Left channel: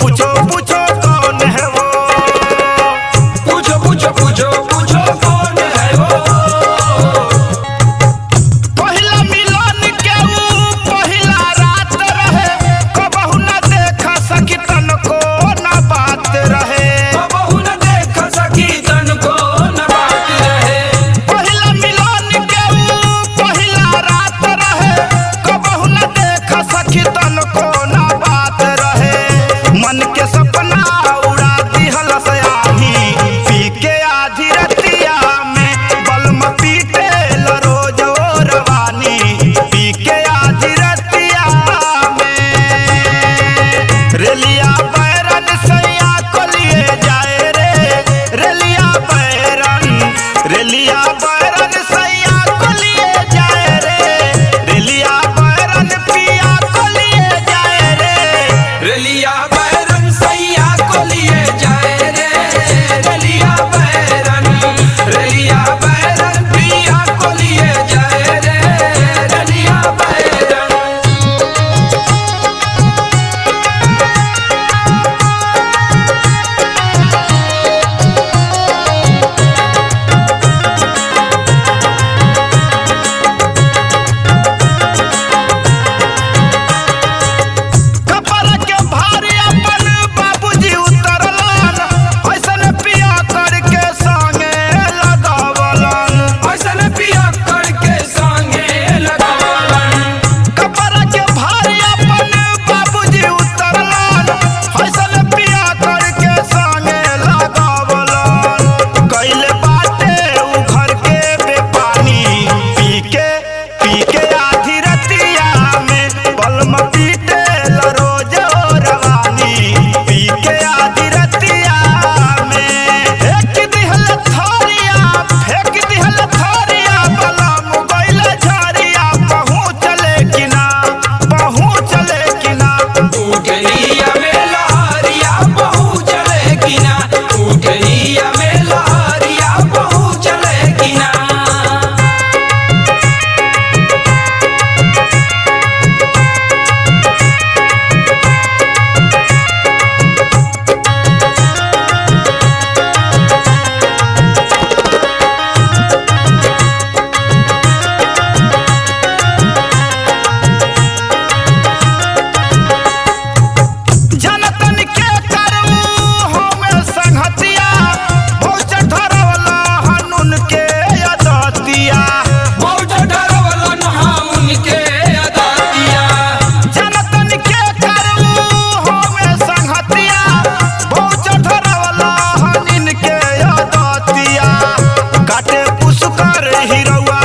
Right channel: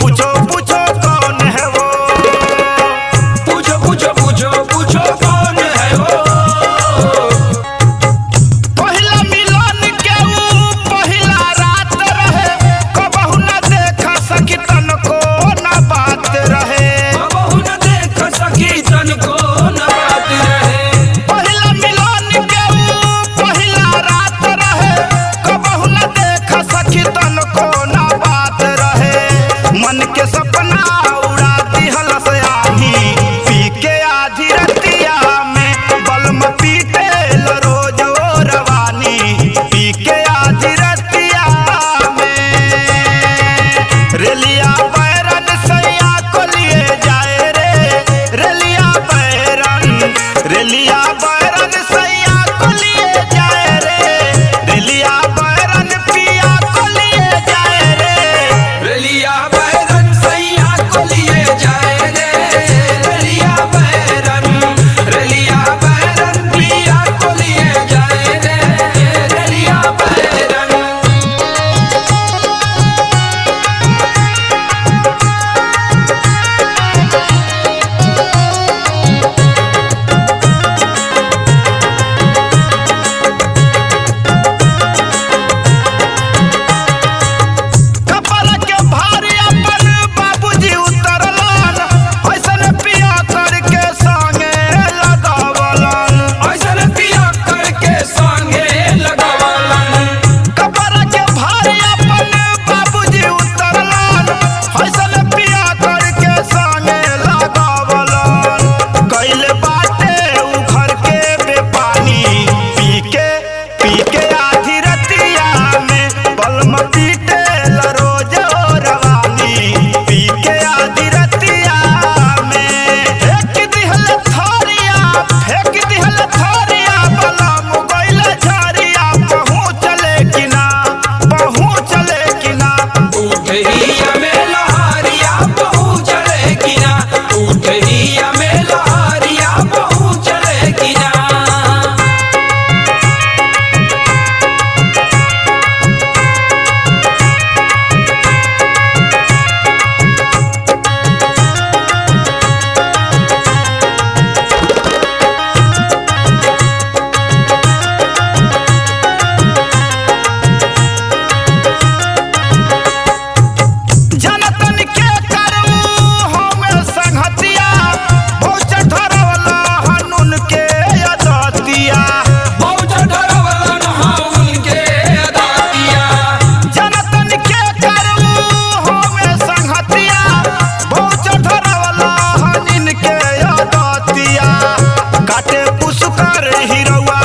पूछो पूछो कौन है वो, पूछो पूछो पूछो पूछो कौन है वो। पहिला मिलन के ऊ पहिला रात रहे, कबहू न देख सकी तन को न बात रहे, कबहू न देख सकी तन को न बात रहे। पहिला मिलन के ऊ पहिला रात रहे, कबहू न देख सकी तन को न बात रहे। मन के सपना उड़ा दिहल से आही, पी के आधी रतिया में बलम पीटे रोज ओ रवानी, पी के आधी रतिया में। रेलिया बैरन सैया को लिए जाए रे, रेलिया बैरन, रेलिया बैरन सैया को लिए जाए रे, रेलिया बैरन पिया को लिए जाए रे। रेलिया बैरन सैया को लिए जाए रे, रेलिया बैरन, रेलिया बैरन पिया को लिए जाए रे, रेलिया बैरन। कपड़ा के भारी अपन बाबूजी उतरलन, ऐसन पिया करके संगे लगावलन, ऐसन पिया करके संगे लगावलन। कपड़ा के भारी अपन बाबूजी उतरलन, ऐसन पिया करके संगे लगावलन। कैले बाटे उ घर के बेपानी, पी के आधी रतिया में बलम पीटे रोज ओ रवानी, पी के आधी रतिया में। फेंक दिहल थोरिया, फेंक दिहल थोरिया, बलम गइल झरिया, पहुँचले कि ना, पहुँचले कि ना। उठहिया में लहरिया पहुँचले कि ना, उठहिया में लहरिया पहुँचले कि ना। जनतन के करू हमें संगतिया, बहुत धरवला हनुन के अदतिया, बहुत डरवलन हाउन के अदातिया। जनतन के करू हमें संगतिया, बहुत धरवला हनिन के अदतिया। काटे पुष्कर हिरौआ